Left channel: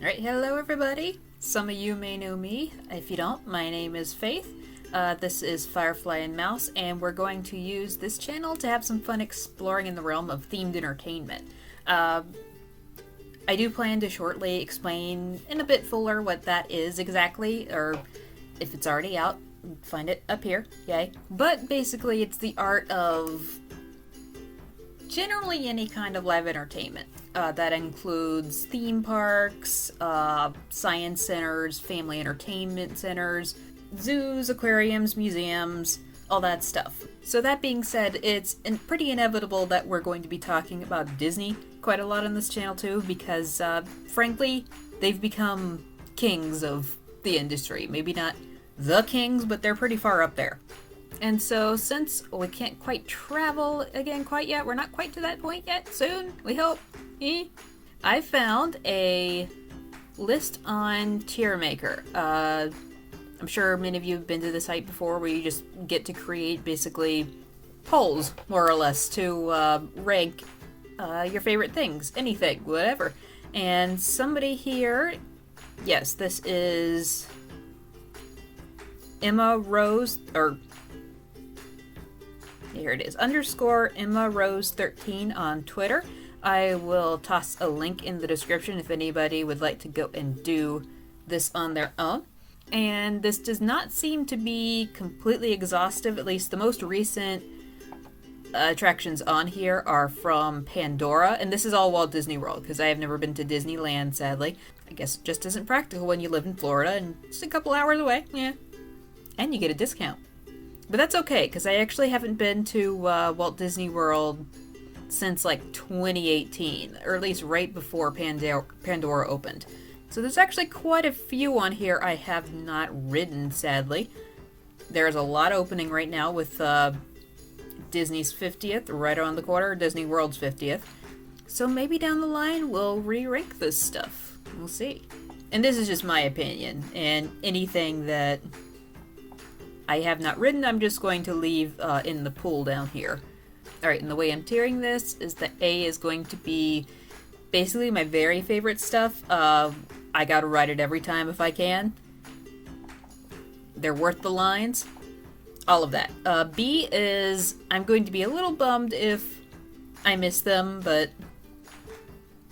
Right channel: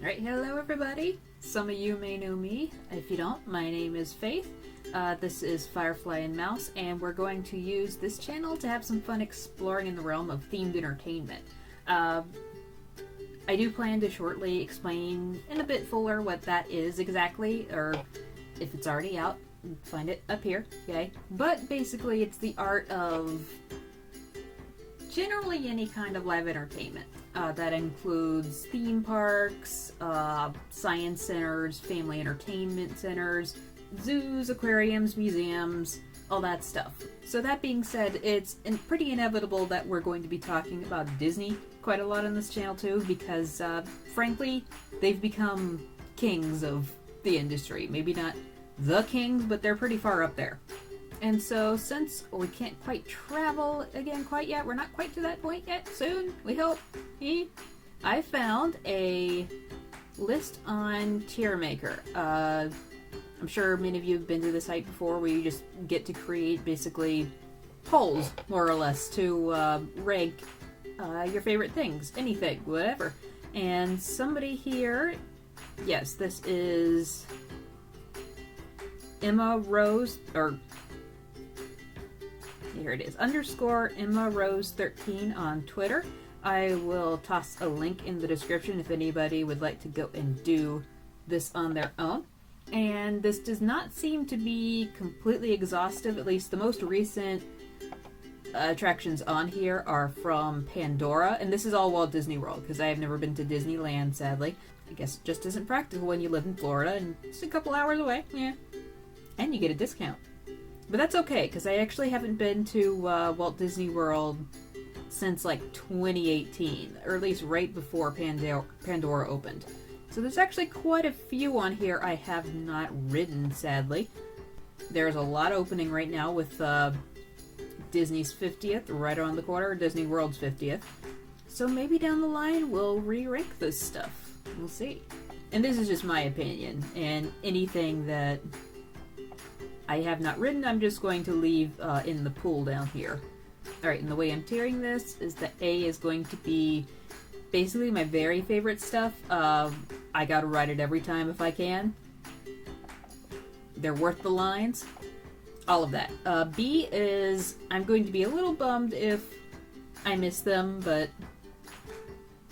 Alright, hello everybody. Some of you may know me. If you don't, my name is Faith. This is Firefly and Mouse, and we're going to use this channel to have some fun exploring in the realm of themed entertainment. I do plan to shortly explain in a bit fuller what that is exactly, or if it's already out, find it up here, yay. But basically it's the art of generally any kind of live entertainment. That includes theme parks, science centers, family entertainment centers, zoos, aquariums, museums, all that stuff. So that being said, it's pretty inevitable that we're going to be talking about Disney quite a lot on this channel too, because frankly, they've become kings of the industry. Maybe not the kings, but they're pretty far up there. And so since we can't quite travel again quite yet, we're not quite to that point yet, soon, we hope, I found a list on Tiermaker. I'm sure many of you have been to the site before, where you just get to create basically polls, more or less, to rank your favorite things, anything, whatever. And somebody here, yes, this is Emma Rose, or here it is, _ Emma Rose 13 on Twitter. I will toss a link in the description if anybody would like to go and do this on their own. And this does not seem to be completely exhaustive. At least the most recent attractions on here are from Pandora, and this is all Walt Disney World, because I have never been to Disneyland, sadly. I guess it just isn't practical when you live in Florida and just a couple hours away, yeah. And you get a discount. But that's okay, because I actually haven't been to Walt Disney World since like 2018, or at least right before Pandora opened. So there's actually quite a few on here I have not ridden, sadly. There's a lot opening right now with Disney's 50th, right around the corner, Disney World's 50th. So maybe down the line we'll re-rank this stuff. We'll see. And this is just my opinion, and anything that I have not ridden, I'm just going to leave in the pool down here. Alright, and the way I'm tiering this is that A is going to be basically my very favorite stuff. I gotta ride it every time if I can. They're worth the lines. All of that. B is, I'm going to be a little bummed if I miss them, but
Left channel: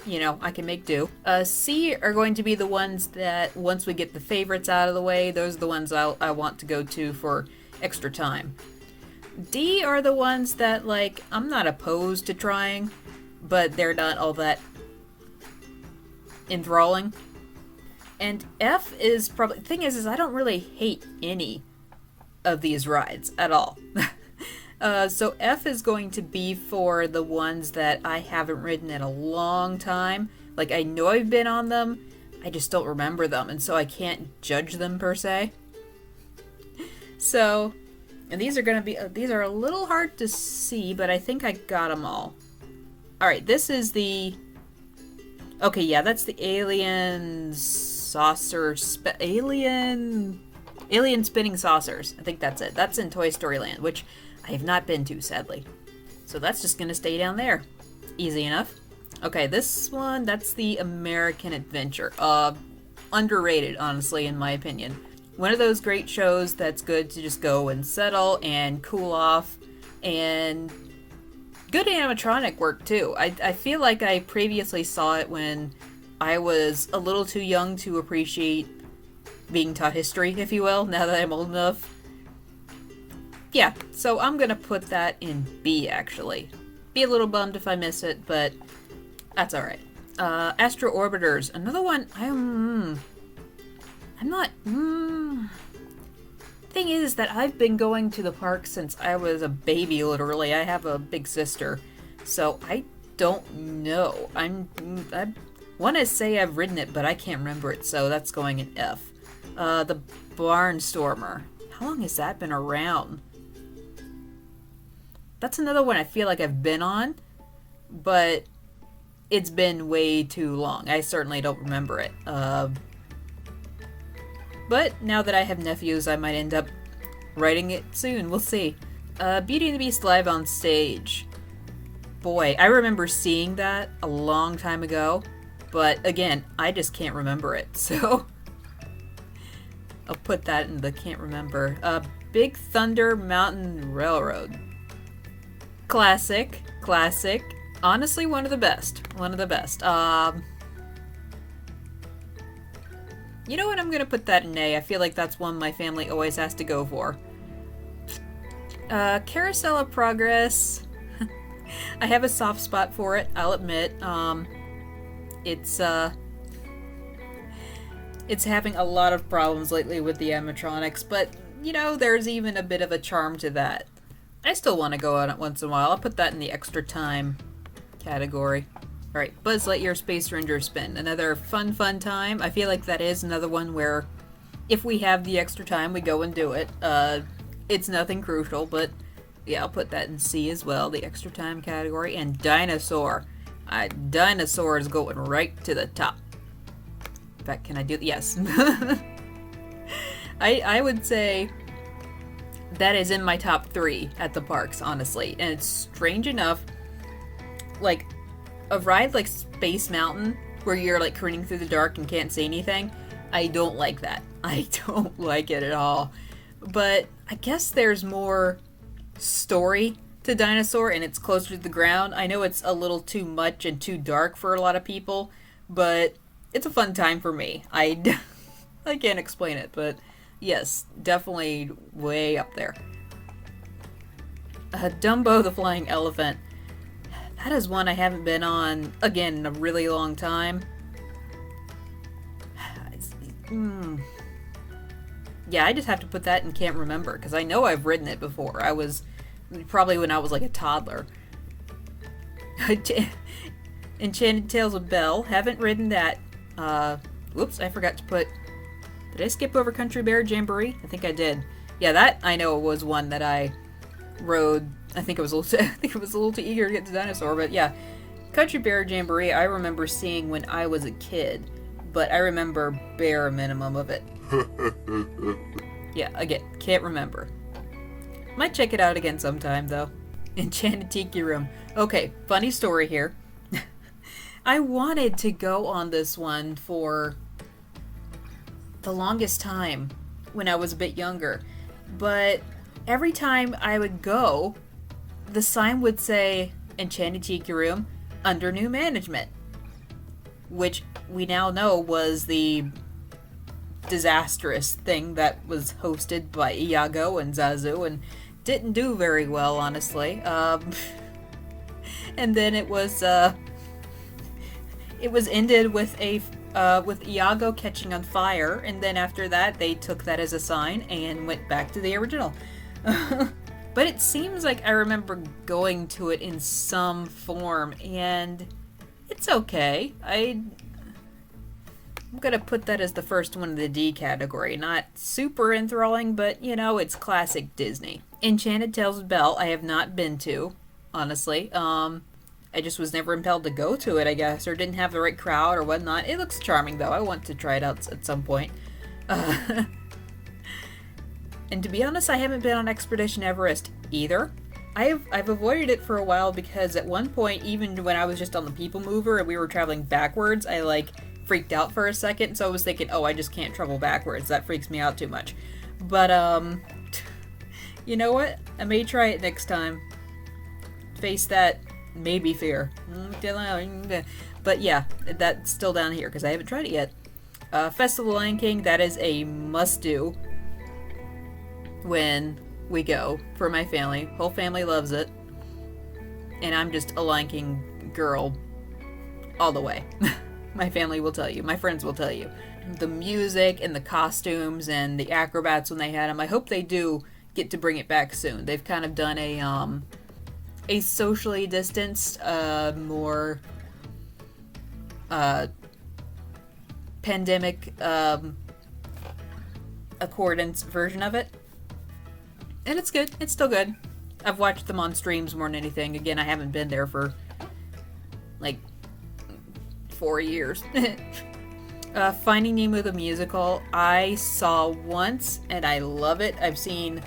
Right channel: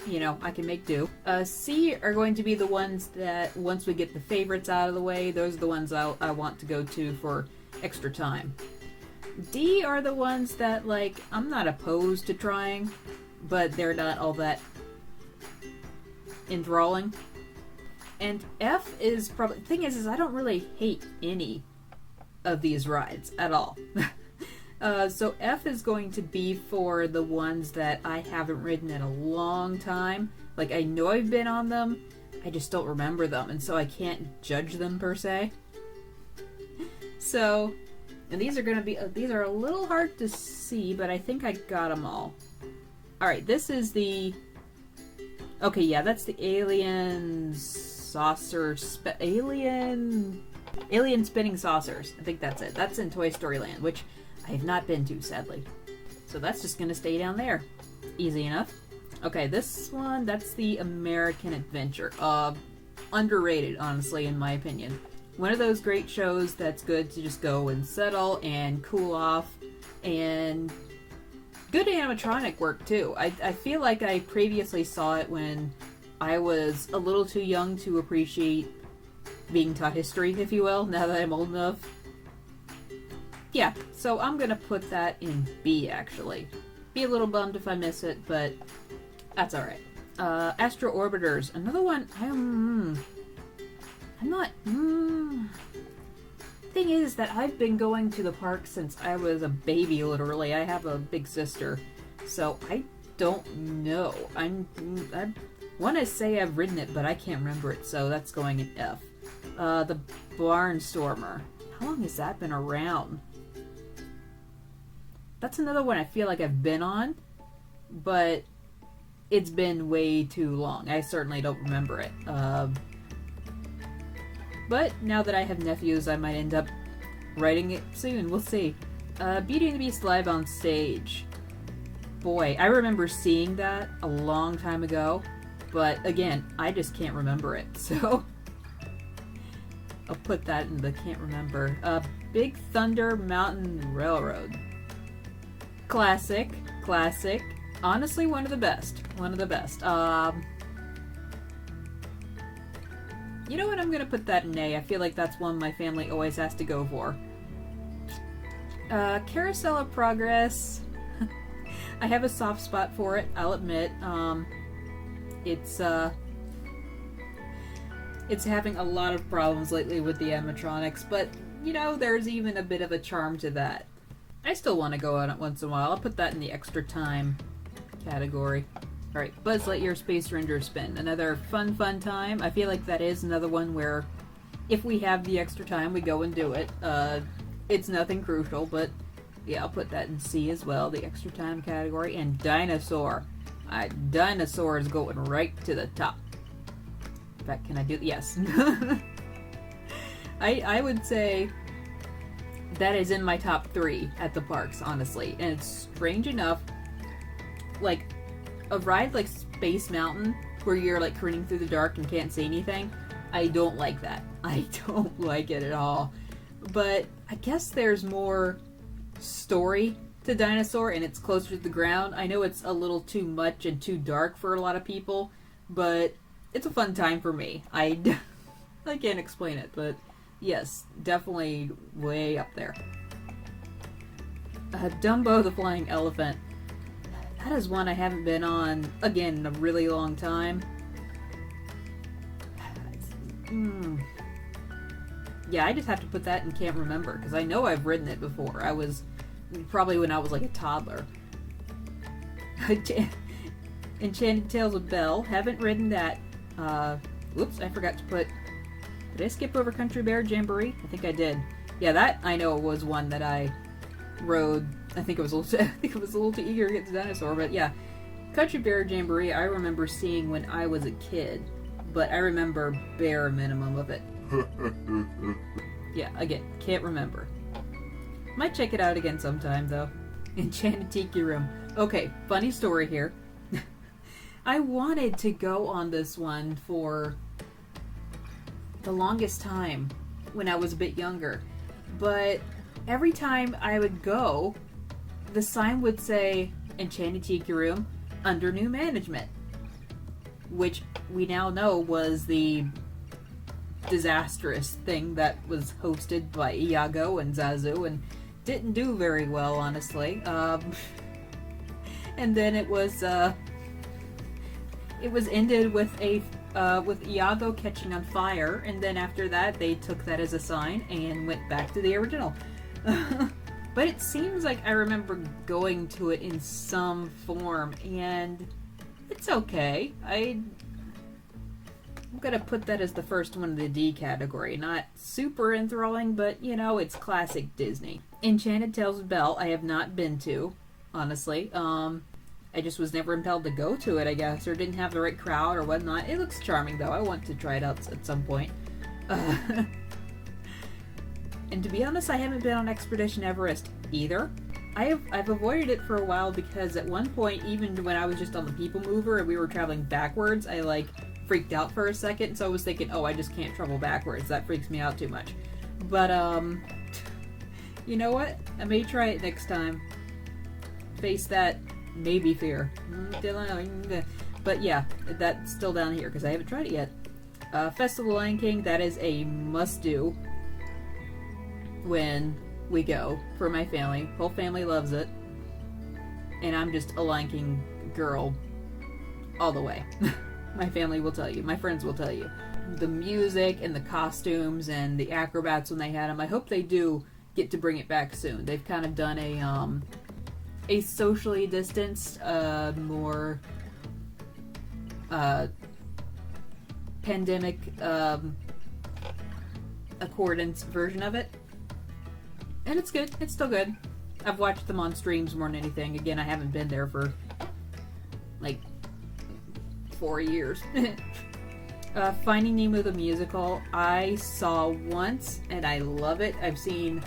you know, I can make do. C are going to be the ones that, once we get the favorites out of the way, those are the ones I want to go to for extra time. D are the ones that, like, I'm not opposed to trying, but they're not all that enthralling. And F is probably, thing is I don't really hate any of these rides at all. So F is going to be for the ones that I haven't ridden in a long time. Like, I know I've been on them, I just don't remember them, and so I can't judge them per se. So, and these are gonna be, these are a little hard to see, but I think I got them all. Alright, this is the, okay, yeah, that's the alien saucer, alien spinning saucers. I think that's it. That's in Toy Story Land, which I have not been to, sadly. So that's just gonna stay down there. Easy enough. Okay, this one, that's the American Adventure. Underrated, honestly, in my opinion. One of those great shows that's good to just go and settle and cool off, and good animatronic work too. I feel like I previously saw it when I was a little too young to appreciate being taught history, if you will, now that I'm old enough. Yeah, so I'm gonna put that in B, actually. Be a little bummed if I miss it, but that's alright. Astro Orbiters, another one, I'm not, Thing is that I've been going to the park since I was a baby, literally. I have a big sister, so I don't know. I want to say I've ridden it, but I can't remember it, so that's going in F. The Barnstormer. How long has that been around? That's another one I feel like I've been on, but it's been way too long. I certainly don't remember it. But now that I have nephews, I might end up writing it soon. We'll see. Beauty and the Beast live on stage. Boy, I remember seeing that a long time ago. But again, I just can't remember it, so I'll put that in the can't remember. Big Thunder Mountain Railroad. Classic. Honestly, one of the best. You know what? I'm gonna put that in A. I feel like that's one my family always has to go for. Carousel of Progress. I have a soft spot for it, I'll admit. It's having a lot of problems lately with the animatronics, but, you know, there's even a bit of a charm to that. I still want to go on it once in a while. I'll put that in the extra time category. Alright, Buzz Lightyear Space Ranger Spin. Another fun time. I feel like that is another one where if we have the extra time, we go and do it. It's nothing crucial, but yeah, I'll put that in C as well, the extra time category. And Dinosaur. Dinosaur is going right to the top. In fact, can I do yes. I would say that is in my top 3 at the parks, honestly. And it's strange enough, like, a ride like Space Mountain, where you're like careening through the dark and can't see anything, I don't like that. I don't like it at all. But I guess there's more story to Dinosaur and it's closer to the ground. I know it's a little too much and too dark for a lot of people, but it's a fun time for me. I can't explain it, but yes, definitely way up there. Dumbo the Flying Elephant. That is one I haven't been on, again, in a really long time. Yeah, I just have to put that in can't remember, because I know I've ridden it before. I was, probably when I was like a toddler. Enchanted Tales of Belle. Haven't ridden that. Whoops, I forgot to put... Did I skip over Country Bear Jamboree? I think I did. Yeah, that I know was one that I rode. I think it was a little too eager to get to Dinosaur, but yeah. Country Bear Jamboree I remember seeing when I was a kid, but I remember bare minimum of it. Yeah, again, can't remember. Might check it out again sometime, though. Enchanted Tiki Room. Okay, funny story here. I wanted to go on this one for the longest time when I was a bit younger, but every time I would go, the sign would say Enchanted Tiki Room under new management, which we now know was the disastrous thing that was hosted by Iago and Zazu and didn't do very well, honestly. And then it was ended with with Iago catching on fire, and then after that they took that as a sign and went back to the original. But it seems like I remember going to it in some form, and it's okay. I'm gonna put that as the first one in the D category. Not super enthralling, but you know, it's classic Disney. Enchanted Tales of Belle I have not been to, honestly. I just was never impelled to go to it, I guess, or didn't have the right crowd or whatnot. It looks charming, though. I want to try it out at some point. And to be honest, I haven't been on Expedition Everest either. I've avoided it for a while because at one point, even when I was just on the People Mover and we were traveling backwards, I like freaked out for a second. So I was thinking, oh, I just can't travel backwards. That freaks me out too much. But you know what? I may try it next time. Face that maybe fear. But yeah, that's still down here because I haven't tried it yet. Festival of the Lion King, that is a must-do when we go for my family. Whole family loves it. And I'm just a Lion King girl all the way. My family will tell you. My friends will tell you. The music and the costumes and the acrobats when they had them, I hope they do get to bring it back soon. They've kind of done a socially distanced, more pandemic accordance version of it. And it's good. It's still good. I've watched them on streams more than anything. Again, I haven't been there for like 4 years. Finding Nemo the musical, I saw once and I love it. I've seen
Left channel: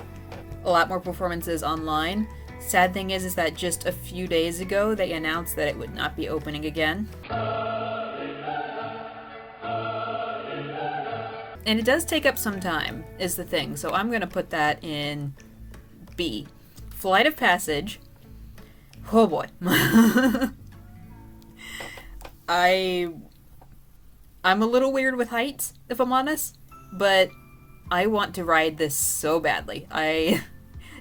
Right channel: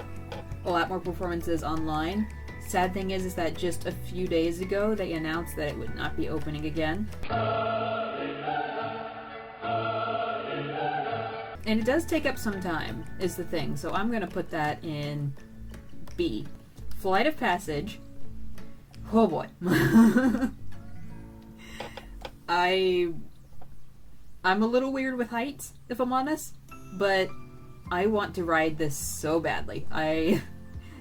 a lot more performances online. Sad thing is that just a few days ago they announced that it would not be opening again. And it does take up some time, is the thing. So I'm going to put that in B. Flight of Passage. Oh boy. I'm a little weird with heights, if I'm honest, but I want to ride this so badly.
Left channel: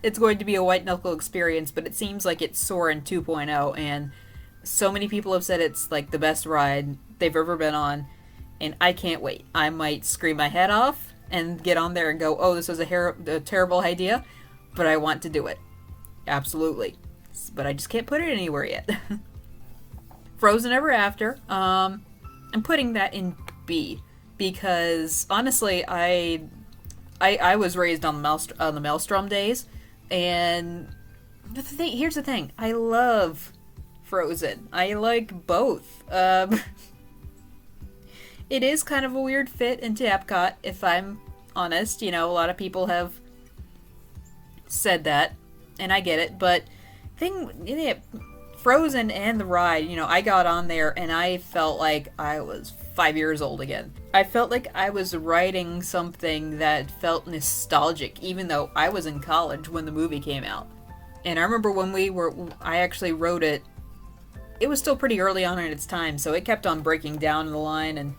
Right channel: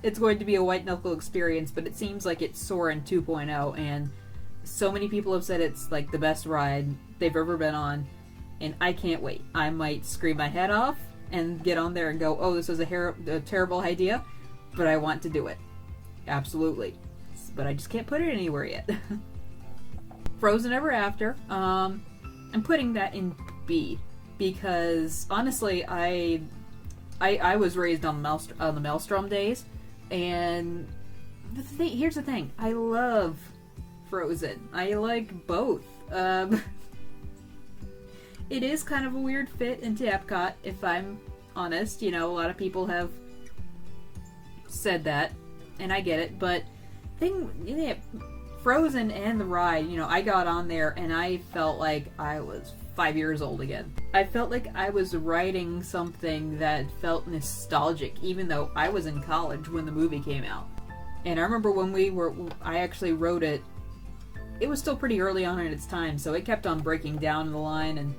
It's going to be a white knuckle experience, but it seems like it's Soarin' 2.0, and so many people have said it's like the best ride they've ever been on, and I can't wait. I might scream my head off and get on there and go, oh, this was a terrible idea, but I want to do it. Absolutely. But I just can't put it anywhere yet. Frozen Ever After. I'm putting that in B because honestly, I was raised on the Maelstrom days, and here's the thing: I love Frozen. I like both. It is kind of a weird fit into Epcot, if I'm honest. You know, a lot of people have said that, and I get it, but Frozen and the ride, you know, I got on there and I felt like I was 5 years old again. I felt like I was riding something that felt nostalgic, even though I was in college when the movie came out. And I remember when I actually rode it, it was still pretty early on in its time, so it kept on breaking down the line, and,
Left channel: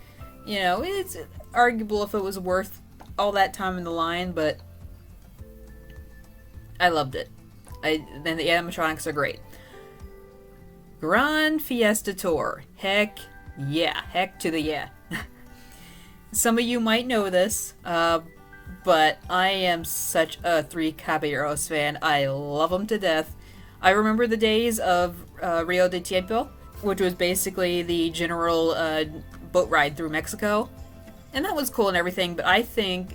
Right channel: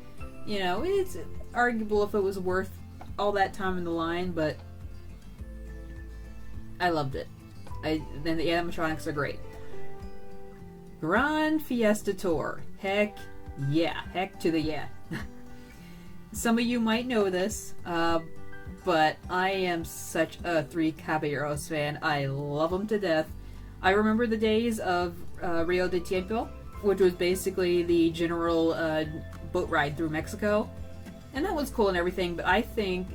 you know, it's arguable if it was worth all that time in the line, but I loved it. And the animatronics are great. Grand Fiesta Tour. Heck yeah. Heck to the yeah. Some of you might know this, but I am such a Three Caballeros fan. I love them to death. I remember the days of Rio de Tiempo, which was basically the general boat ride through Mexico. And that was cool and everything, but I think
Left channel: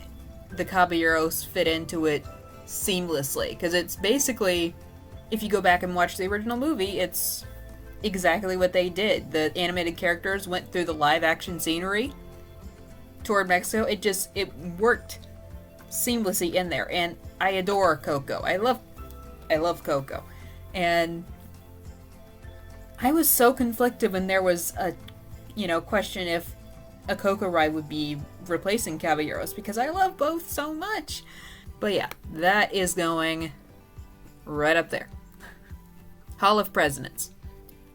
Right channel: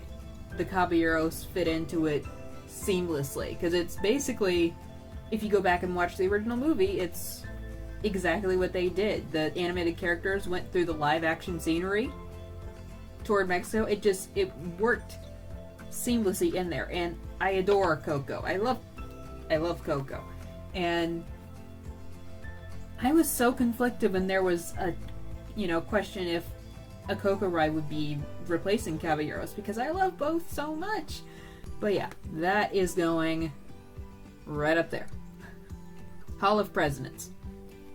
the Caballeros fit into it seamlessly, because it's basically, if you go back and watch the original movie, it's exactly what they did. The animated characters went through the live action scenery toward Mexico. It worked seamlessly in there, and I adore Coco. I love Coco. And I was so conflicted when there was a, question if a Coco ride would be replacing Caballeros, because I love both so much. But yeah, that is going right up there. Hall of Presidents.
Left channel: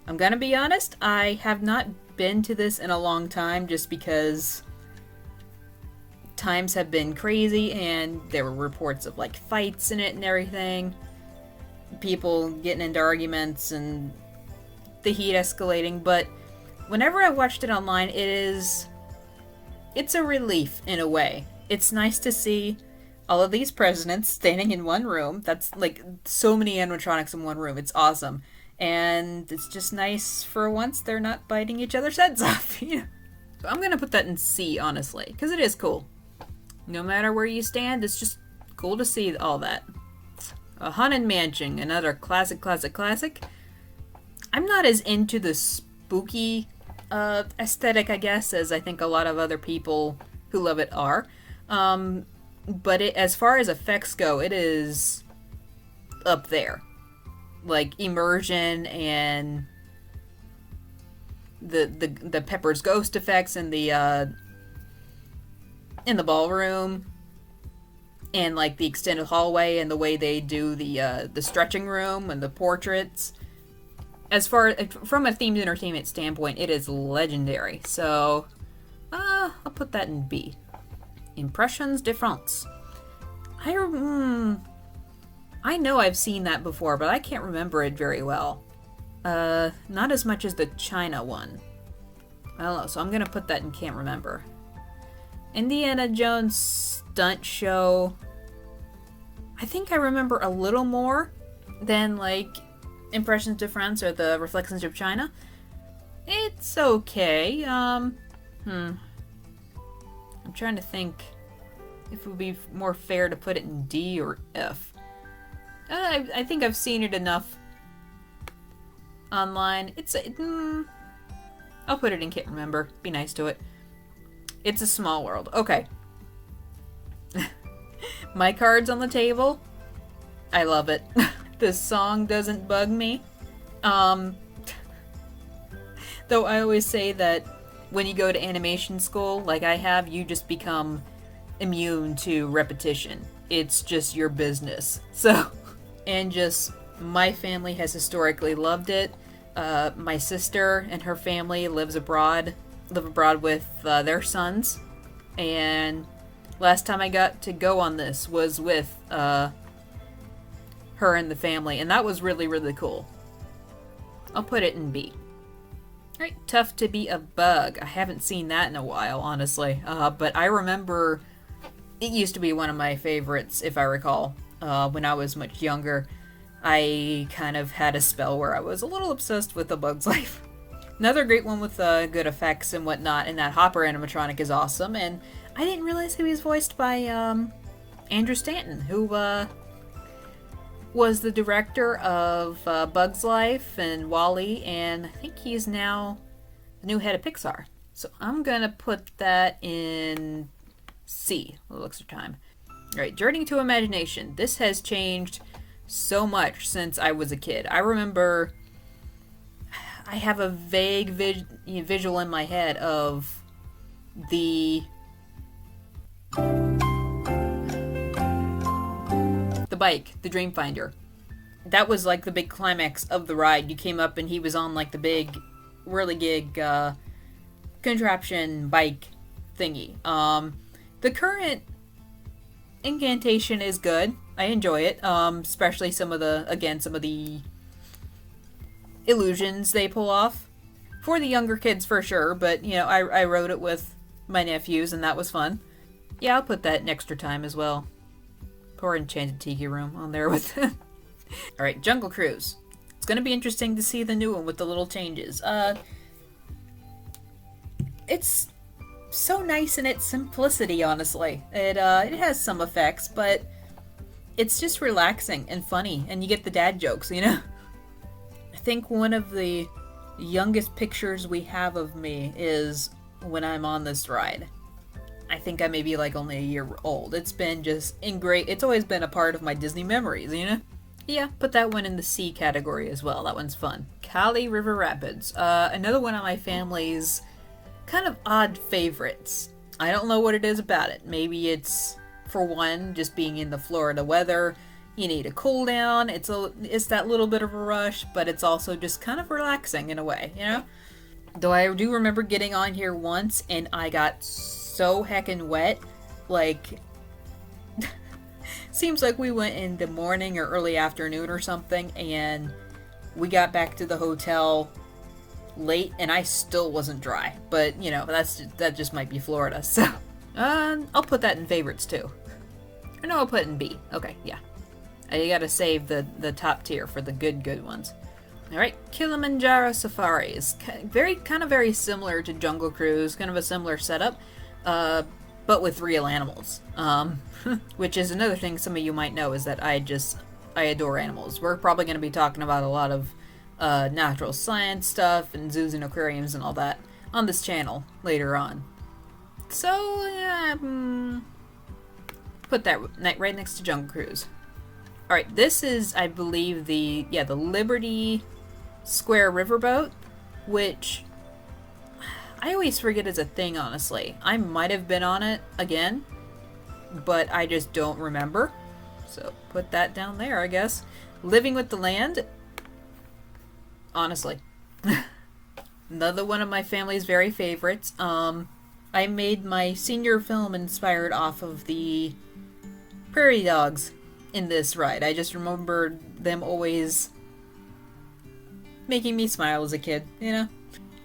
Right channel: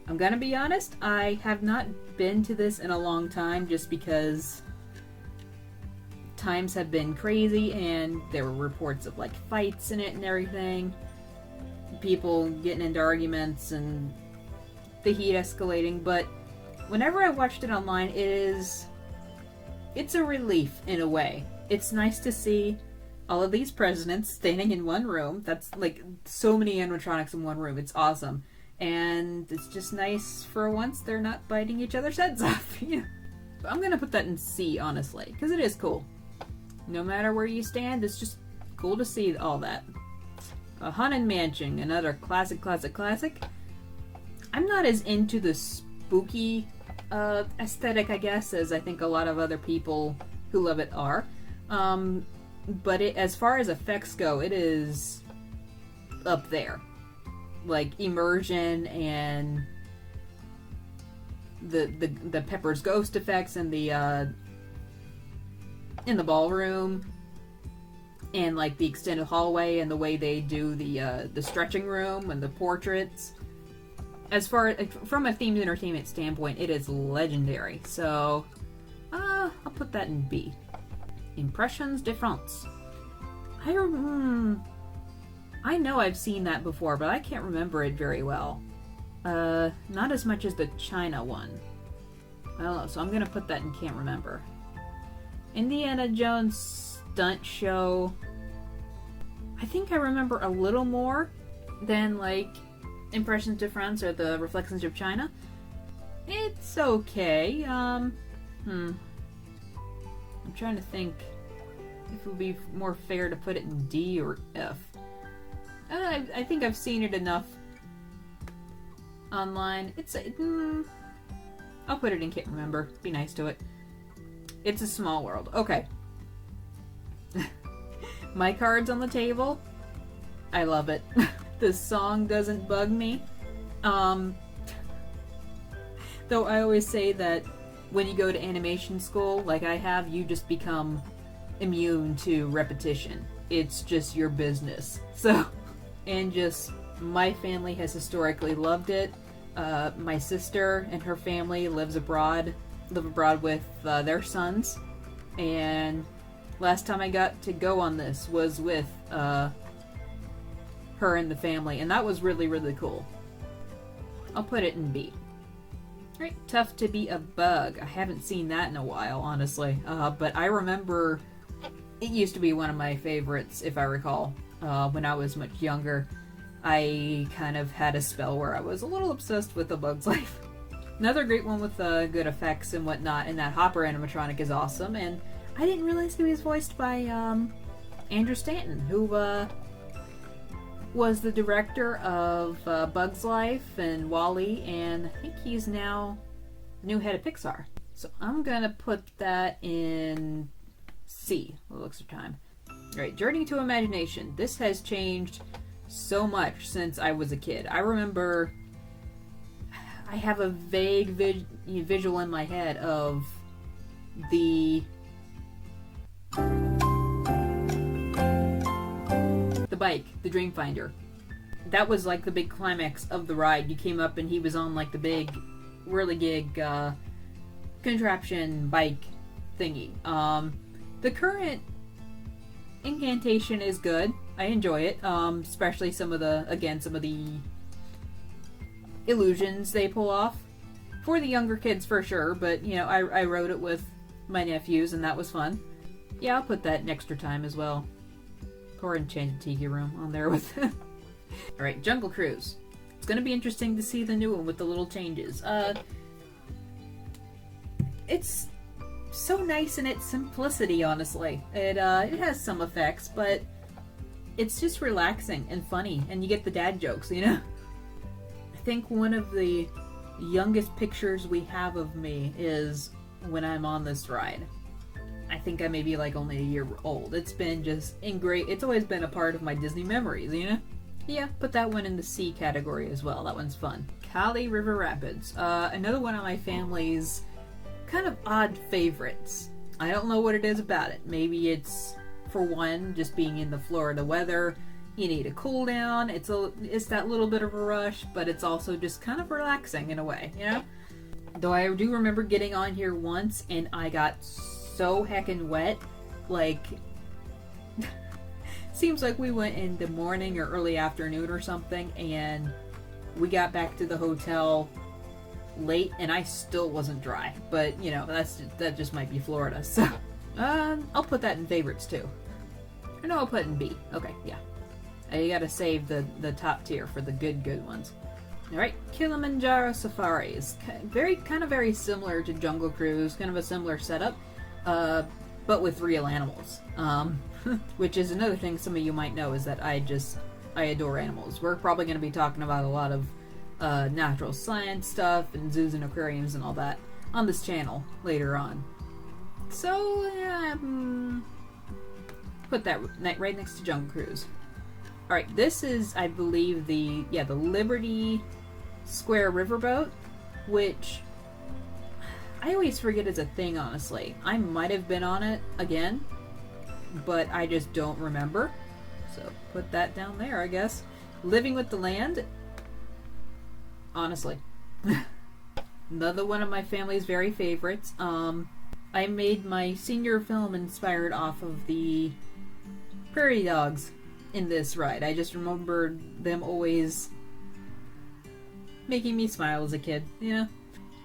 I'm gonna be honest, I have not been to this in a long time, just because times have been crazy and there were reports of like fights in it and everything. People getting into arguments and the heat escalating, but whenever I watched it online, it's a relief in a way. It's nice to see all of these presidents standing in one room. That's like so many animatronics in one room. It's awesome. And it's just nice for once they're not biting each other's heads off. I'm gonna put that in C, honestly, because it is cool. No matter where you stand, it's just cool to see all that. A Haunted Mansion, another classic. I'm not as into the spooky aesthetic, I guess, as I think a lot of other people who love it are. But as far as effects go, it is up there. Like immersion and the Pepper's ghost effects in the ballroom, and like the extended hallway and the way they do the stretching room and the portraits. As far from a themed entertainment standpoint, it is legendary. So I'll put that in B. Impressions de France. I know I've seen that before, but I can't remember it very well. Not as much as the China one. I don't know, so I'm gonna put that in can't remember. Indiana Jones stunt show. I think I remember a little more than like Impressions de France or the Reflections of China. It's okay. I'm trying to think if it would be more fair to put it in D or F. I think I've seen it enough online. I'll put it in can't remember. Be nice to it. It's a Small World. Okay. My Card's on the Table. I love it. This song doesn't bug me. Though I always say that when you go to animation school, like I have, you just become immune to repetition. It's just your business. So, and just my family has historically loved it. My sister and her family live abroad with their sons, and last time I got to go on this was with her and the family, and that was really, really cool. I'll put it in B. Alright, Tough to Be a Bug. I haven't seen that in a while, honestly, but I remember it used to be one of my favorites, if I recall, when I was much younger. I kind of had a spell where I was a little obsessed with A Bug's Life. Another great one with good effects and whatnot, and that Hopper animatronic is awesome, and I didn't realize he was voiced by Andrew Stanton, who was the director of Bug's Life and WALL-E, and I think he's now the new head of Pixar. So I'm gonna put that in C, the looks of time. Alright, Journey to Imagination. This has changed so much since I was a kid. I remember I have a vague visual in my head of the bike, the Dreamfinder. That was like the big climax of the ride. You came up and he was on like the big whirligig contraption bike thingy. The current incantation is good. I enjoy it, especially some of the illusions they pull off. For the younger kids for sure, but you know, I rode it with my nephews and that was fun. Yeah, I'll put that in extra time as well. Poor Enchanted Tiki Room on there with Alright, Jungle Cruise. It's gonna be interesting to see the new one with the little changes. It's so nice in its simplicity, honestly. It has some effects, but it's just relaxing and funny, and you get the dad jokes, you know? I think one of the youngest pictures we have of me is when I'm on this ride. I think I may be like only a year old. It's been just it's always been a part of my Disney memories, you know? Yeah, put that one in the C category as well. That one's fun. Kali River Rapids. Another one of my family's kind of odd favorites. I don't know what it is about it. Maybe it's, for one, just being in the Florida weather. You need a cool down. It's that little bit of a rush, but it's also just kind of relaxing in a way, you know? Though I do remember getting on here once and I got so heckin' wet. Like, seems like we went in the morning or early afternoon or something, and we got back to the hotel late and I still wasn't dry. But, you know, that just might be Florida, so I'll put that in favorites too. Or no, I'll put it in B. Okay, yeah. You gotta save the top tier for the good ones. Alright, Kilimanjaro Safaris. Very similar to Jungle Cruise, kind of a similar setup, but with real animals. Which is another thing some of you might know, is that I adore animals. We're probably going to be talking about a lot of natural science stuff and zoos and aquariums and all that on this channel later on. So, yeah, put that right next to Jungle Cruise. Alright, this is, I believe, the Liberty Square Riverboat, which I always forget is a thing, honestly. I might have been on it again, but I just don't remember. So put that down there, I guess. Living with the Land. Honestly. Another one of my family's very favorites. I made my senior film inspired off of the prairie dogs in this ride. I just remembered them always making me smile as a kid, you know?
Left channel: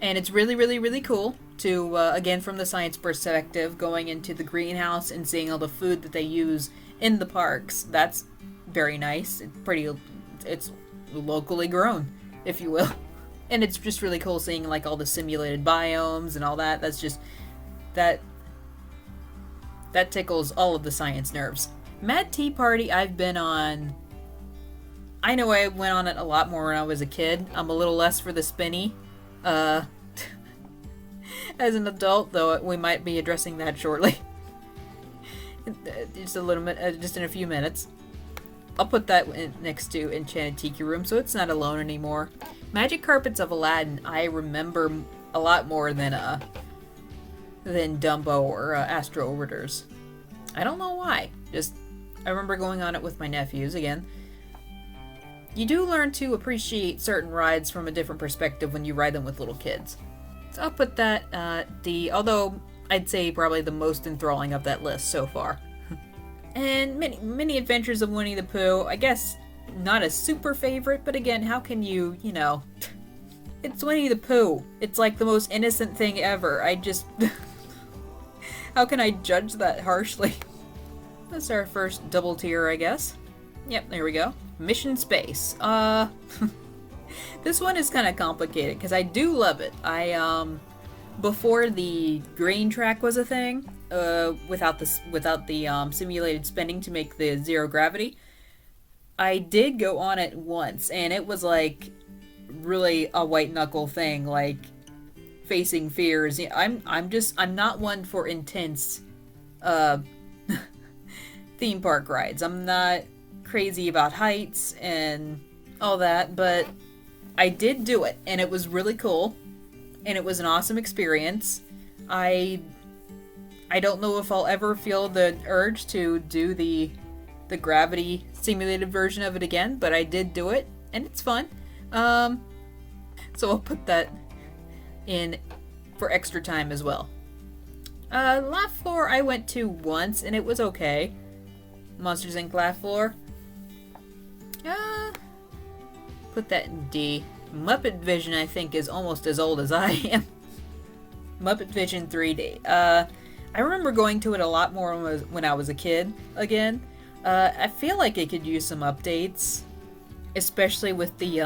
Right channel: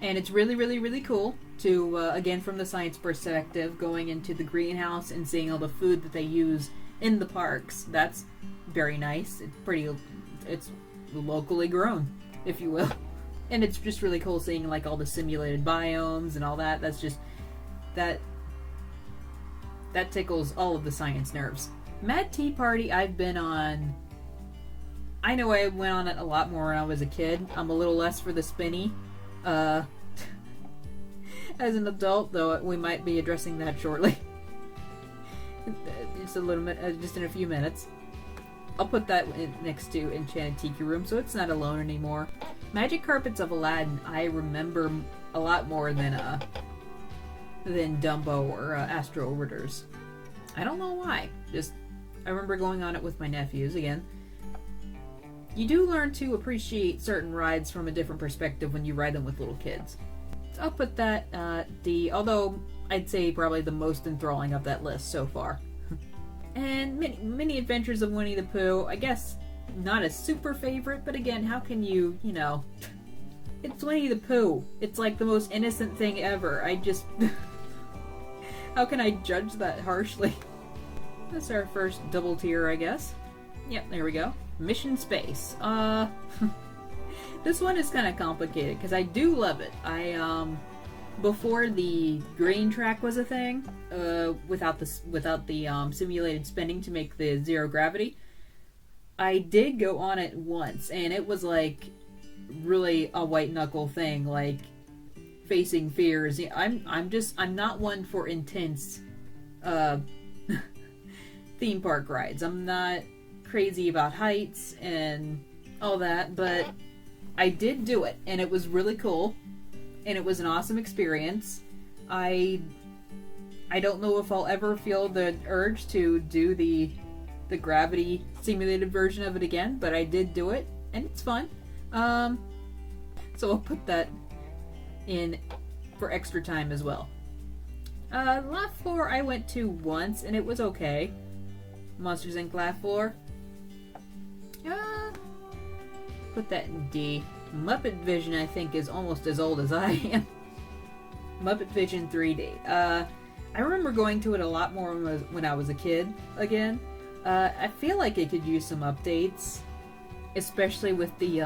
And it's really cool to, again, from the science perspective, going into the greenhouse and seeing all the food that they use in the parks. That's very nice. It's locally grown, if you will. And it's just really cool seeing, like, all the simulated biomes and all that. That's just, that tickles all of the science nerves. Mad Tea Party, I've been on. I know I went on it a lot more when I was a kid. I'm a little less for the spinny. As an adult, though, we might be addressing that shortly. Just in a few minutes. I'll put that next to Enchanted Tiki Room, so it's not alone anymore. Magic Carpets of Aladdin, I remember a lot more than Dumbo or Astro Orbiters. I don't know why. Just, I remember going on it with my nephews again. You do learn to appreciate certain rides from a different perspective when you ride them with little kids. So I'll put that although I'd say probably the most enthralling of that list so far. And many Adventures of Winnie the Pooh, I guess not a super favorite, but again, how can you know, it's Winnie the Pooh. It's like the most innocent thing ever. I just, how can I judge that harshly? That's our first double tier, I guess. Yep, there we go. Mission Space. This one is kind of complicated because I do love it. Before the green track was a thing, without the simulated spinning to make the zero gravity, I did go on it once, and it was like really a white knuckle thing, like facing fears. I'm not one for intense theme park rides. I'm not crazy about heights and all that, but I did do it, and it was really cool. And it was an awesome experience. I don't know if I'll ever feel the urge to do the gravity simulated version of it again, but I did do it, and it's fun. So I'll put that in for extra time as well. Laugh Floor I went to once, and it was okay. Monsters Inc. Laugh Floor. Put that in D. Muppet Vision, I think, is almost as old as I am. Muppet Vision 3D. I remember going to it a lot more when I was a kid, again. I feel like it could use some updates. Especially with the,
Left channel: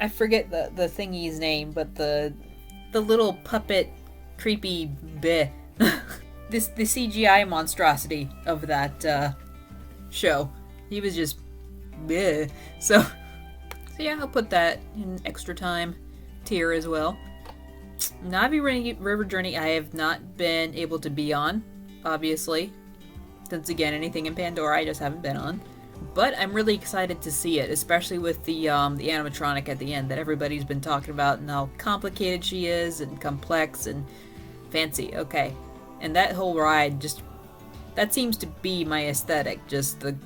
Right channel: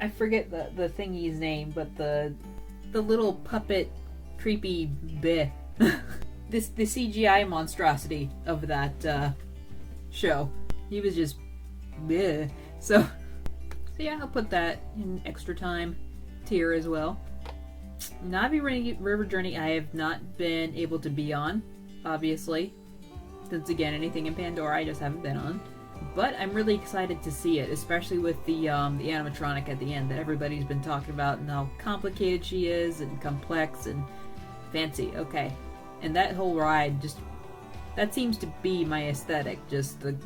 I forget the thingy's name, but the little puppet creepy bleh. The CGI monstrosity of that, show. He was just bleh. So yeah, I'll put that in extra time tier as well. Navi River Journey I have not been able to be on, obviously. Since again, anything in Pandora I just haven't been on. But I'm really excited to see it, especially with the animatronic at the end that everybody's been talking about and how complicated she is and complex and fancy. Okay. And that whole ride, just, that seems to be my aesthetic, just the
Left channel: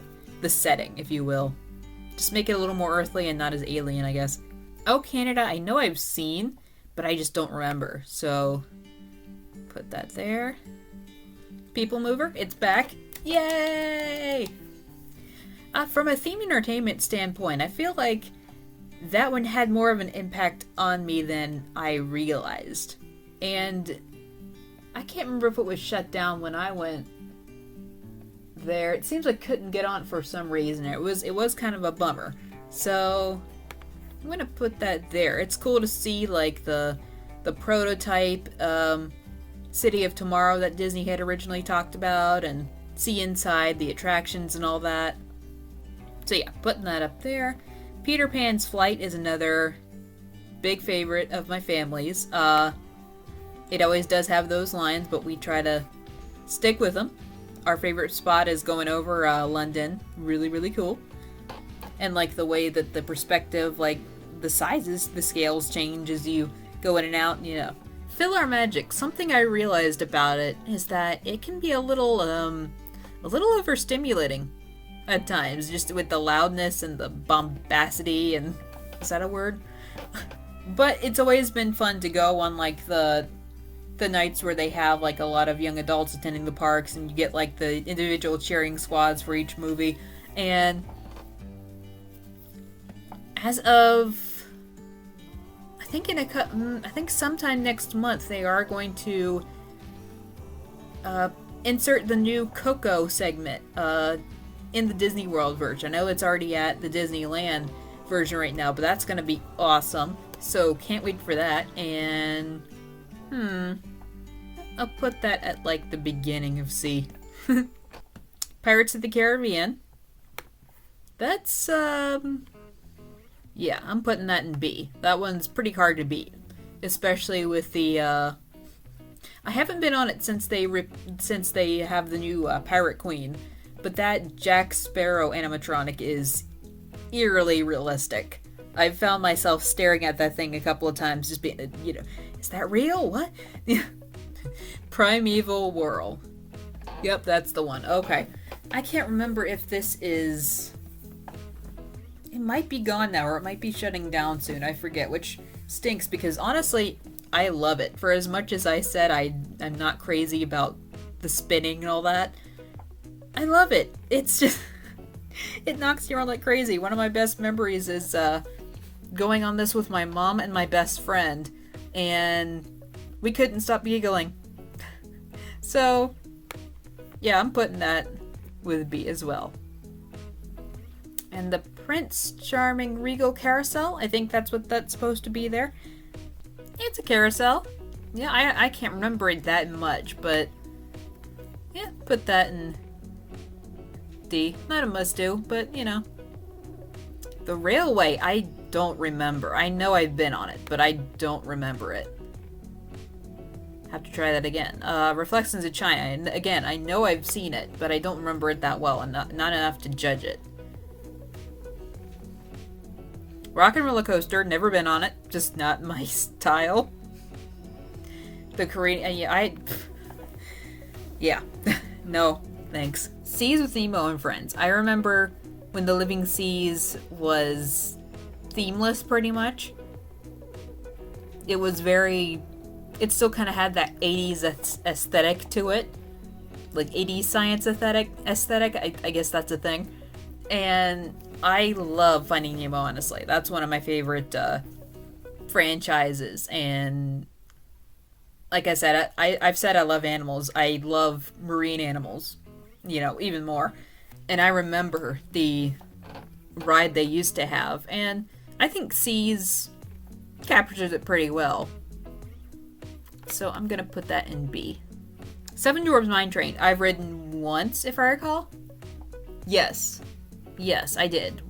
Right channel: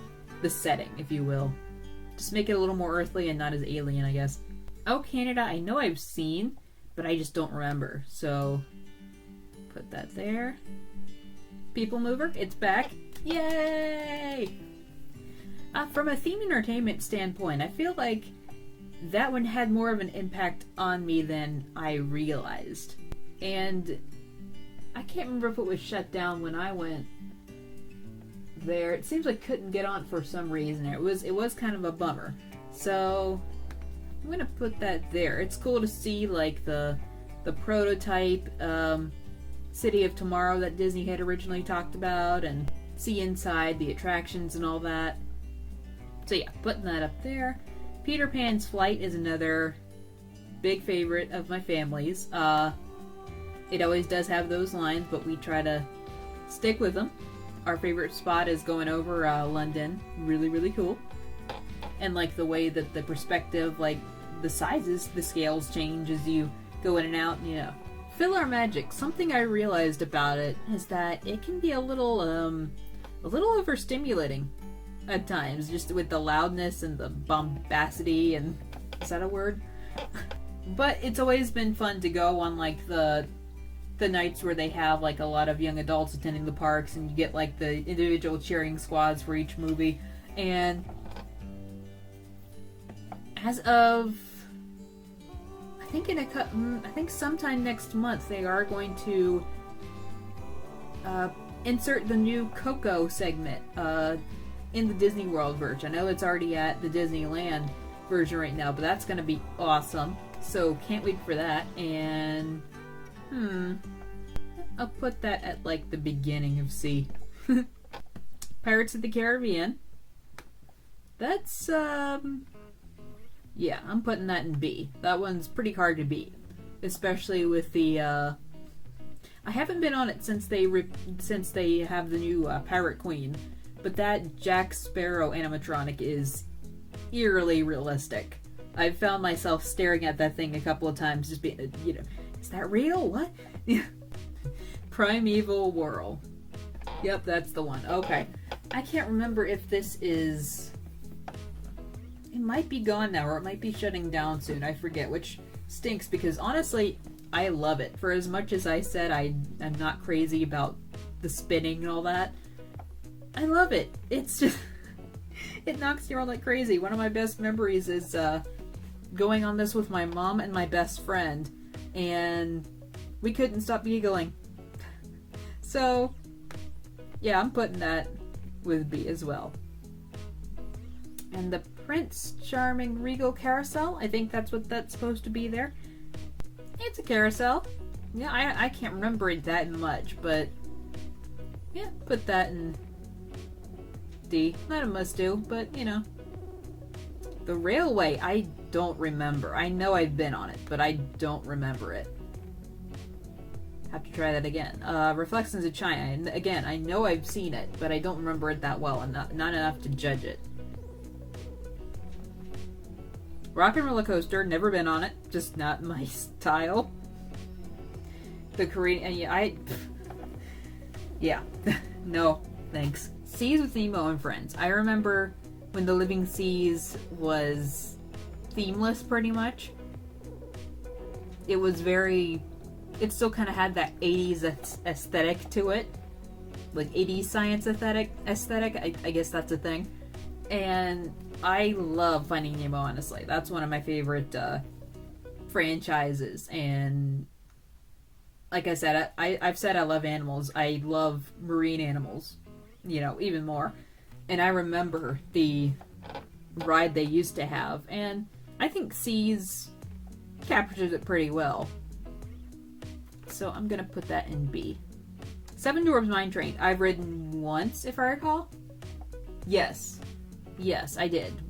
setting, if you will. Just make it a little more earthly and not as alien, I guess. Oh, Canada, I know I've seen, but I just don't remember. So, put that there. People Mover, it's back. Yay! From a theme entertainment standpoint, I feel like that one had more of an impact on me than I realized. And I can't remember if it was shut down when I went there. It seems like couldn't get on for some reason. It was kind of a bummer. So I'm gonna put that there. It's cool to see like the prototype City of Tomorrow that Disney had originally talked about and see inside the attractions and all that. So yeah, putting that up there. Peter Pan's Flight is another big favorite of my family's. It always does have those lines, but we try to stick with them. Our favorite spot is going over London. Really, really cool. And like the way that the perspective, like the sizes, the scales change as you go in and out, you know. PhilharMagic, something I realized about it is that it can be a little overstimulating at times, just with the loudness and the bombacity and, is that a word? But it's always been fun to go on like the nights where they have like a lot of young adults attending the parks and you get like the individual cheering squads for each movie. And as of I think sometime next month they are going to insert the new Coco segment in the Disney World version. I know it's already at the Disneyland version right now, but that's going to be awesome. So can't wait for that. And I'll put that at like the beginning of C. Pirates of the Caribbean. That's yeah, I'm putting that in B. That one's pretty hard to beat, especially with the I haven't been on it since they have the new Pirate Queen, but that Jack Sparrow animatronic is eerily realistic. I've found myself staring at that thing a couple of times, just being, you know, is that real? What? Primeval Whirl. Yep, that's the one. Okay. I can't remember if this is... It might be gone now, or it might be shutting down soon. I forget, which stinks because honestly, I love it. For as much as I said I'm not crazy about the spinning and all that, I love it. It's just... it knocks you around like crazy. One of my best memories is going on this with my mom and my best friend, and we couldn't stop giggling. So, yeah, I'm putting that with B as well. And the Prince Charming Regal Carousel, I think that's what that's supposed to be there. It's a carousel. Yeah, I can't remember it that much, but yeah, put that in D. Not a must do, but you know. The railway, I don't remember. I know I've been on it, but I don't remember it. Have to try that again. Reflections of China. And again, I know I've seen it, but I don't remember it that well, and not enough to judge it. Rock and Roller Coaster, never been on it, just not my style. The Korean, yeah, no, thanks. Seas with Nemo and Friends. I remember when the Living Seas was themeless, pretty much. It was very, it still kind of had that 80s aesthetic to it. Like 80s science aesthetic, I guess that's a thing. And I love Finding Nemo, honestly. That's one of my favorite franchises. And like I said, I've said I love animals. I love marine animals, you know, even more. And I remember the ride they used to have. And I think Seas captures it pretty well. So I'm going to put that in B. Seven Dwarfs Mine Train. I've ridden once, if I recall. Yes, I did.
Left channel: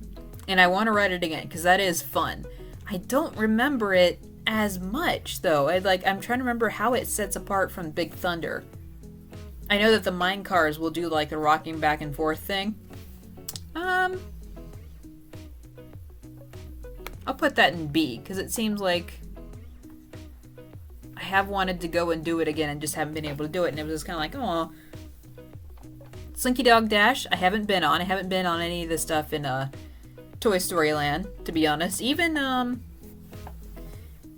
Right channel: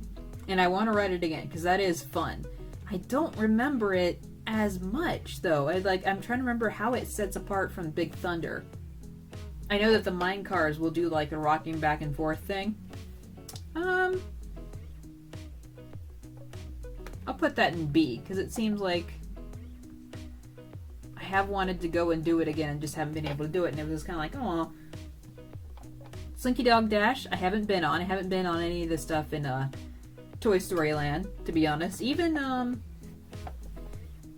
And I want to ride it again, because that is fun. I don't remember it as much, though. I'm trying to remember how it sets apart from Big Thunder. I know that the mine cars will do, like, a rocking back and forth thing. I'll put that in B, because it seems like I have wanted to go and do it again and just haven't been able to do it, and it was just kind of like, oh. Slinky Dog Dash, I haven't been on. I haven't been on any of the stuff in Toy Story Land, to be honest. Even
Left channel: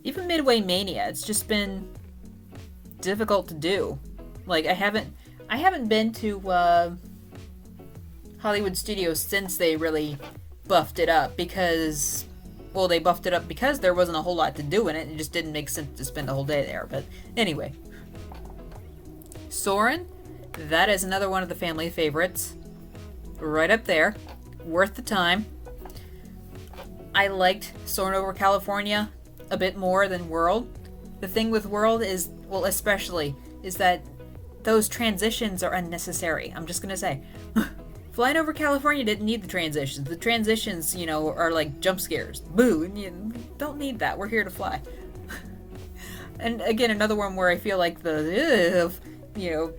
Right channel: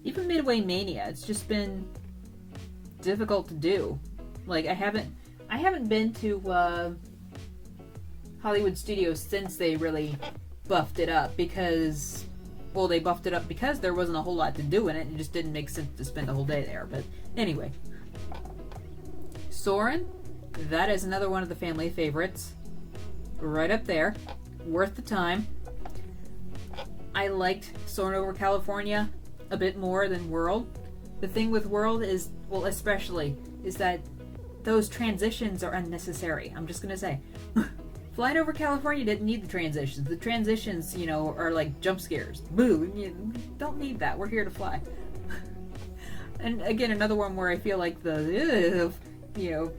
Midway Mania, it's just been difficult to do. Like, I haven't been to Hollywood Studios since they really buffed it up because, well, they buffed it up because there wasn't a whole lot to do in it. It just didn't make sense to spend the whole day there. But anyway. Soarin', that is another one of the family favorites. Right up there. Worth the time. I liked Soarin' Over California a bit more than World. The thing with World is, well, especially, is that those transitions are unnecessary. I'm just gonna say. Flying Over California didn't need the transitions. The transitions, you know, are like jump scares. Boo! You don't need that. We're here to fly. And again, another one where I feel like the, you know,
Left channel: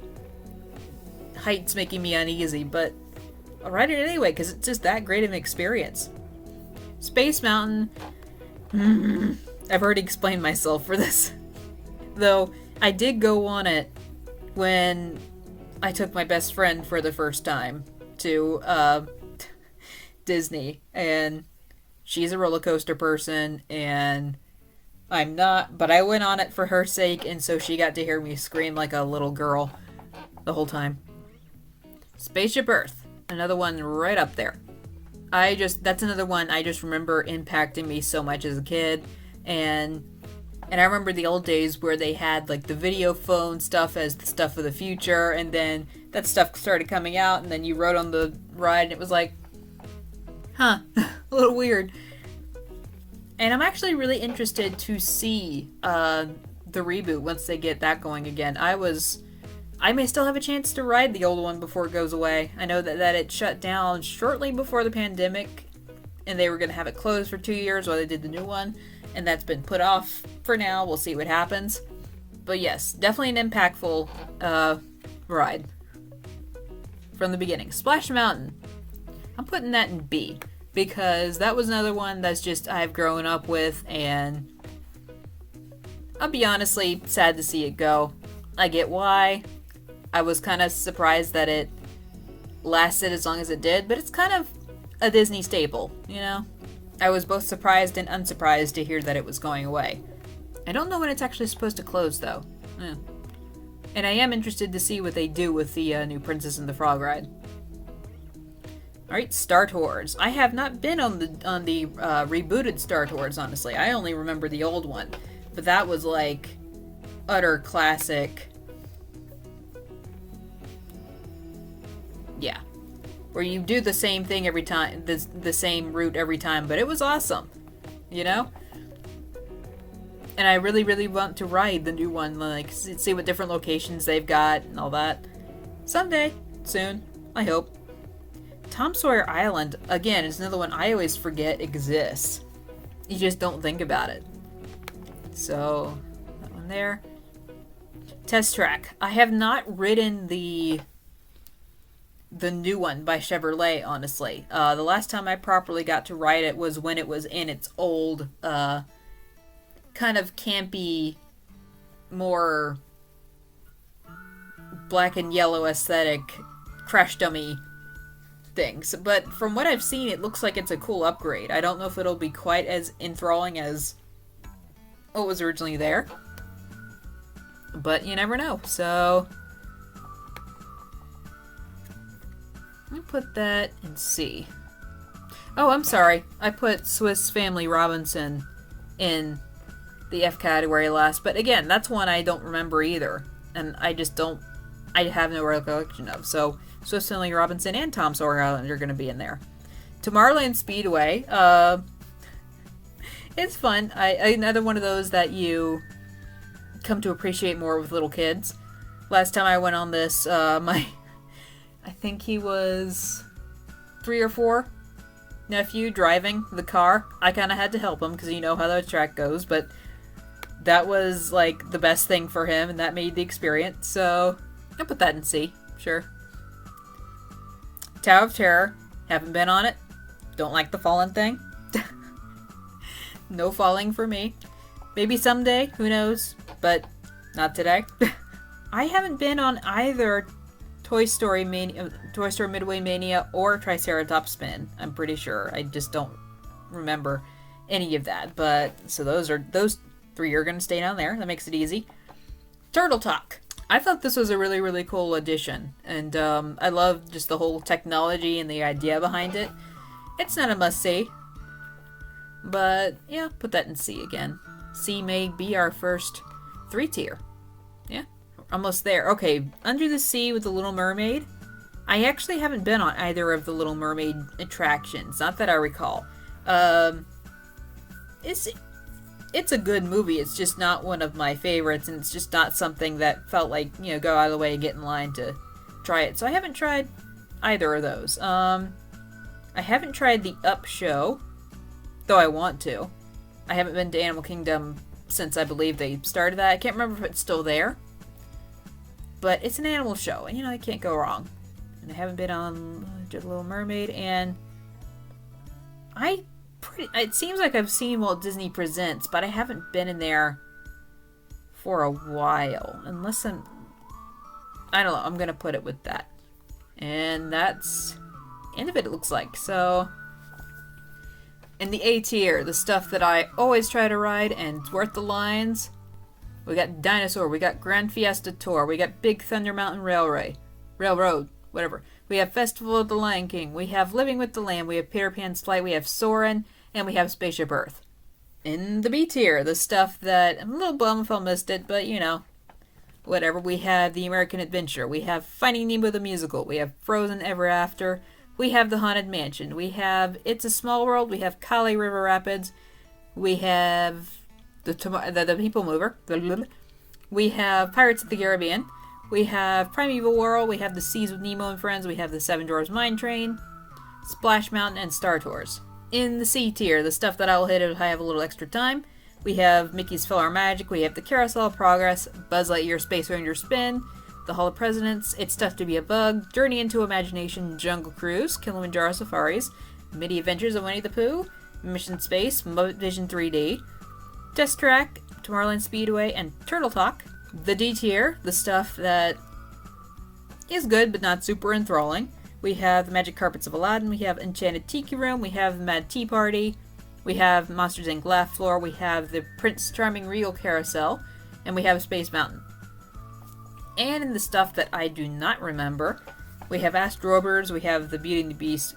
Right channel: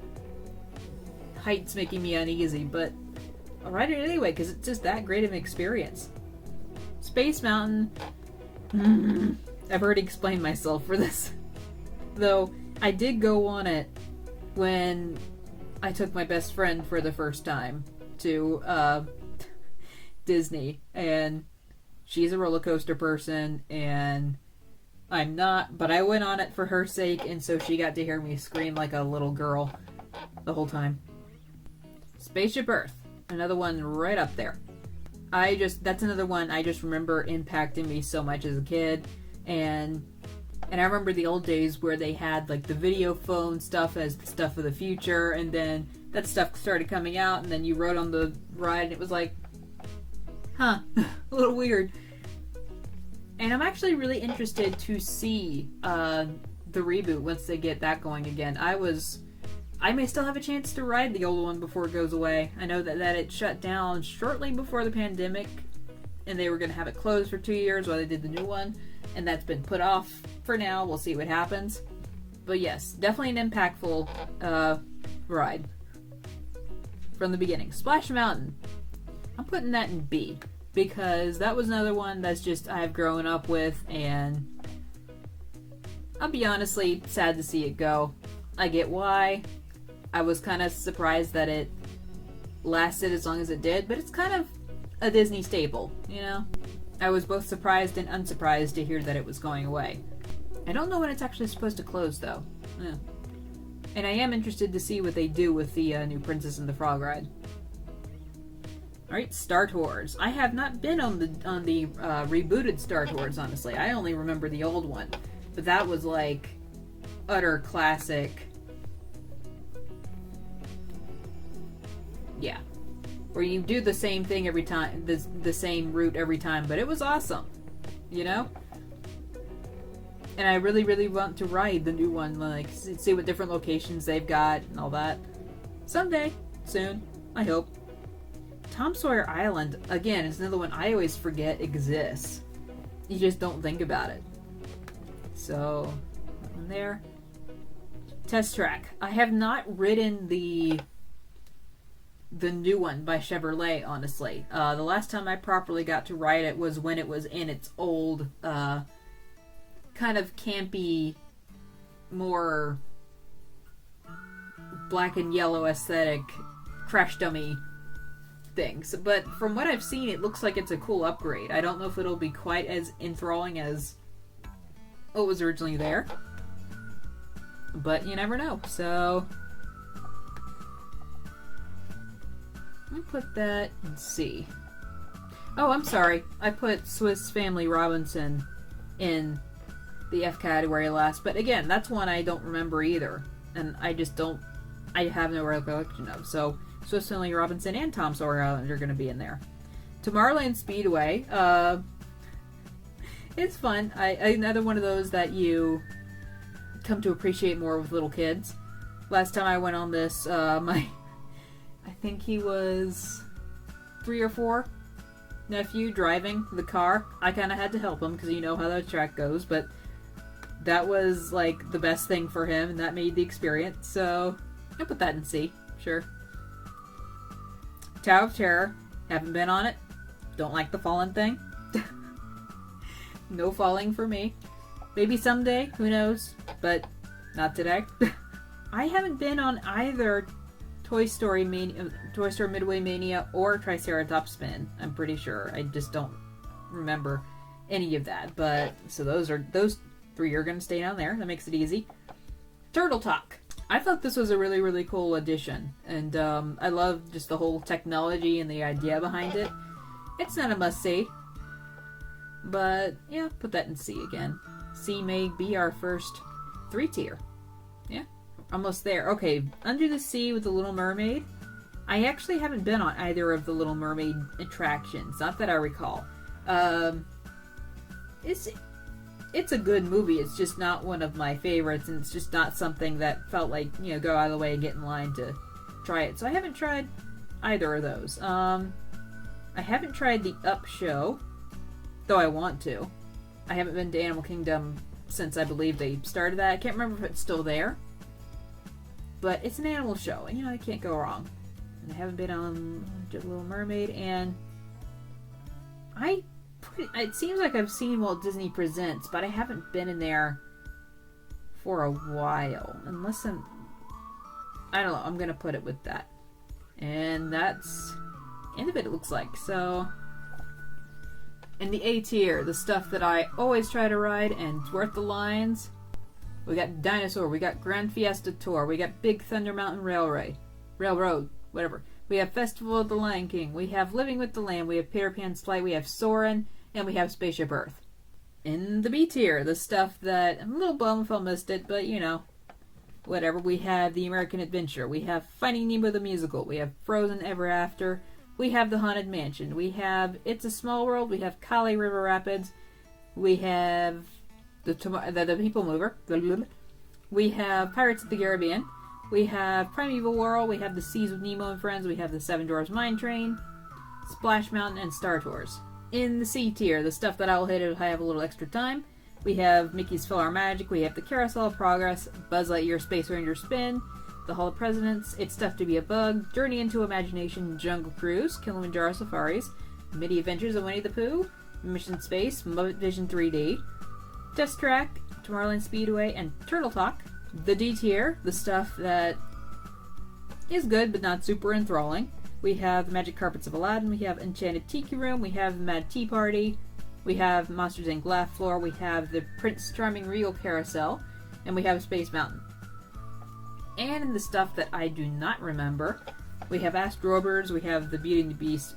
height's making me uneasy, but I'll ride it anyway because it's just that great of an experience. Space Mountain. I've already explained myself for this. Though, I did go on it when I took my best friend for the first time to Disney, and she's a roller coaster person, and I'm not, but I went on it for her sake, and so she got to hear me scream like a little girl the whole time. Spaceship Earth, another one right up there. That's another one I just remember impacting me so much as a kid, and I remember the old days where they had like the video phone stuff as the stuff of the future, and then that stuff started coming out, and then you rode on the ride, and it was like, huh, a little weird. And I'm actually really interested to see the reboot once they get that going again. I may still have a chance to ride the old one before it goes away. I know that it shut down shortly before the pandemic, and they were going to have it closed for 2 years while they did the new one, and that's been put off for now. We'll see what happens. But yes, definitely an impactful ride from the beginning. Splash Mountain. I'm putting that in B because that was another one that's just I've grown up with, and I'll be honestly sad to see it go. I get why. I was kind of surprised that it lasted as long as it did, but it's kind of a Disney staple, you know? I was both surprised and unsurprised to hear that it was going away. I don't know when it's actually supposed to close, though. Yeah. And I am interested to see what they do with the new Princess and the Frog ride. Alright, Star Tours. I have not been on the rebooted Star Tours, honestly. I only remember the old one. But that was like utter classic. Yeah. Where you do the same thing every time, the same route every time, but it was awesome. You know? And I really, really want to ride the new one, like, see what different locations they've got and all that. Someday. Soon. I hope. Tom Sawyer Island, again, is another one I always forget exists. You just don't think about it. So, that one there. Test Track. I have not ridden the new one by Chevrolet, honestly. The last time I properly got to ride it was when it was in its old, kind of campy, more black and yellow aesthetic crash dummy things. But from what I've seen, it looks like it's a cool upgrade. I don't know if it'll be quite as enthralling as what was originally there, but you never know. So let me put that in C. Oh, I'm sorry. I put Swiss Family Robinson in the F category last, but again, that's one I don't remember either, and I have no recollection of. So Swiss Family Robinson and Tom Sawyer Island are going to be in there. Tomorrowland Speedway, it's fun. Another one of those that you come to appreciate more with little kids. Last time I went on this, I think he was 3 or 4, nephew driving the car. I kind of had to help him because you know how the track goes, but that was like the best thing for him, and that made the experience. So I'll put that in C. Sure. Tower of Terror. Haven't been on it. Don't like the falling thing. No falling for me. Maybe someday. Who knows? But not today. I haven't been on either Toy Story Midway Mania or Triceratops Spin. I'm pretty sure. I just don't remember any of that. But so those 3 are going to stay down there. That makes it easy. Turtle Talk. I thought this was a really, really cool addition. And I love just the whole technology and the idea behind it. It's not a must-see. But, yeah, put that in C again. C may be our first 3-tier. Yeah, almost there. Okay, Under the Sea with the Little Mermaid. I actually haven't been on either of the Little Mermaid attractions. Not that I recall. It's a good movie. It's just not one of my favorites, and it's just not something that felt like, you know, go out of the way and get in line to try it. So I haven't tried either of those. I haven't tried the Up show, though I want to. I haven't been to Animal Kingdom since I believe they started that. I can't remember if it's still there, but it's an animal show, and you know, you can't go wrong. And I haven't been on Little Mermaid, and it seems like I've seen Walt Disney Presents, but I haven't been in there for a while. Unless I don't know, I'm going to put it with that. And that's the end of it looks like. So, in the A tier, the stuff that I always try to ride and it's worth the lines. We got Dinosaur, we got Grand Fiesta Tour, we got Big Thunder Mountain Railroad, whatever. We have Festival of the Lion King, we have Living with the Lamb, we have Peter Pan's Flight, we have Soarin', and we have Spaceship Earth. In the B tier, the stuff that, I'm a little bummed if I missed it, but you know, whatever. We have The American Adventure, we have Finding Nemo the Musical, we have Frozen Ever After, we have The Haunted Mansion, we have It's a Small World, we have Kali River Rapids, we have the People Mover, we have Pirates of the Caribbean, we have Primeval World, we have The Seas with Nemo and Friends, we have The Seven Dwarfs Mine Train, Splash Mountain, and Star Tours. In the C tier, the stuff that I'll hit if I have a little extra time, we have Mickey's Filler Magic, we have the Carousel of Progress, Buzz Lightyear Space Ranger Spin, the Hall of Presidents, It's Tough to Be a Bug, Journey into Imagination Jungle Cruise, Kilimanjaro Safaris, Mini Adventures of Winnie the Pooh, Mission Space, Muppet Vision 3D, Test Track, Tomorrowland Speedway, and Turtle Talk. the D tier, the stuff that is good but not super enthralling. We have the Magic Carpets of Aladdin, we have Enchanted Tiki Room, we have the Mad Tea Party, we have Monsters Inc. Laugh Floor, we have the Prince Charming Regal Carousel, and we have Space Mountain. And in the stuff that I do not remember, we have Astrobers, we have the Beauty and the Beast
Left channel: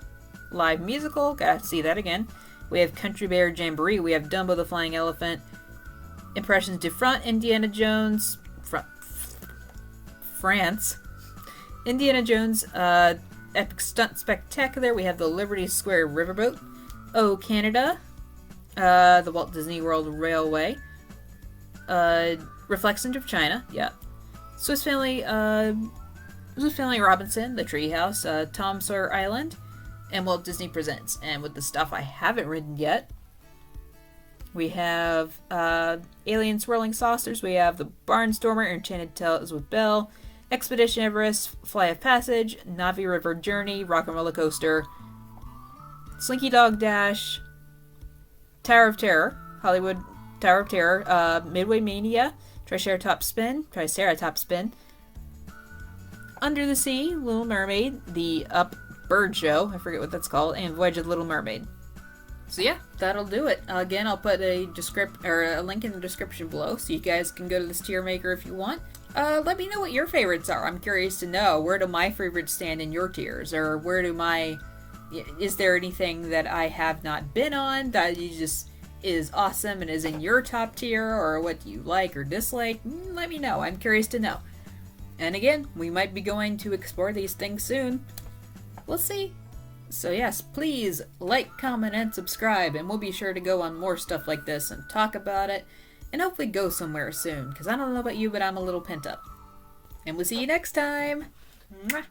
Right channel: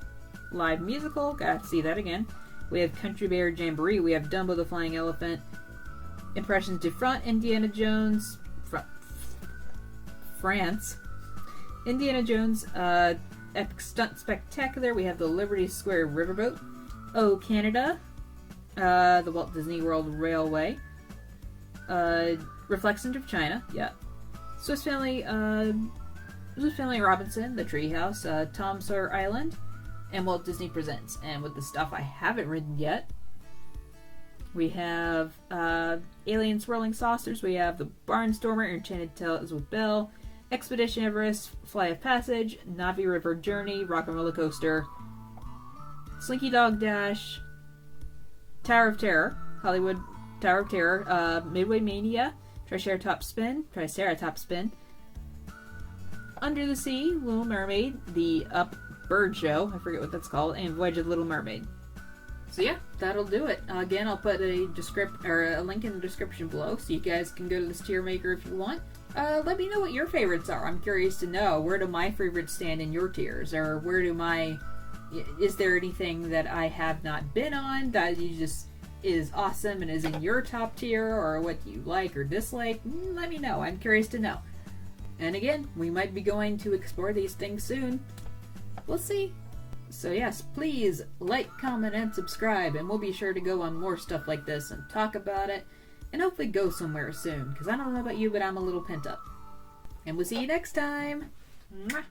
live musical, gotta see that again. We have Country Bear Jamboree, we have Dumbo the Flying Elephant, Impressions du Front, Indiana Jones, France, Indiana Jones, Epic Stunt Spectacular, we have the Liberty Square Riverboat, Oh Canada, the Walt Disney World Railway, Reflections of China, yeah, Swiss Family Robinson, The Treehouse, Tom Sawyer Island, and Walt Disney Presents. And with the stuff I haven't written yet, we have Alien Swirling Saucers, we have the Barnstormer, Enchanted Tales with Belle, Expedition Everest, Fly of Passage, Navi River Journey, Rock and Roller Coaster, Slinky Dog Dash, Tower of Terror, Hollywood Tower of Terror, Midway Mania, Triceratops Spin, Under the Sea, Little Mermaid, the Up Bird Show, I forget what that's called, and Voyage of the Little Mermaid. So yeah, that'll do it. Again, I'll put a link in the description below, so you guys can go to this tier maker if you want. Let me know what your favorites are. I'm curious to know, where do my favorites stand in your tiers, or is there anything that I have not been on that you just is awesome and is in your top tier, or what you like or dislike? Let me know. I'm curious to know. And again, we might be going to explore these things soon. We'll see. So yes, please like, comment, and subscribe, and we'll be sure to go on more stuff like this and talk about it, and hopefully go somewhere soon, because I don't know about you, but I'm a little pent up. And we'll see you next time! Mwah.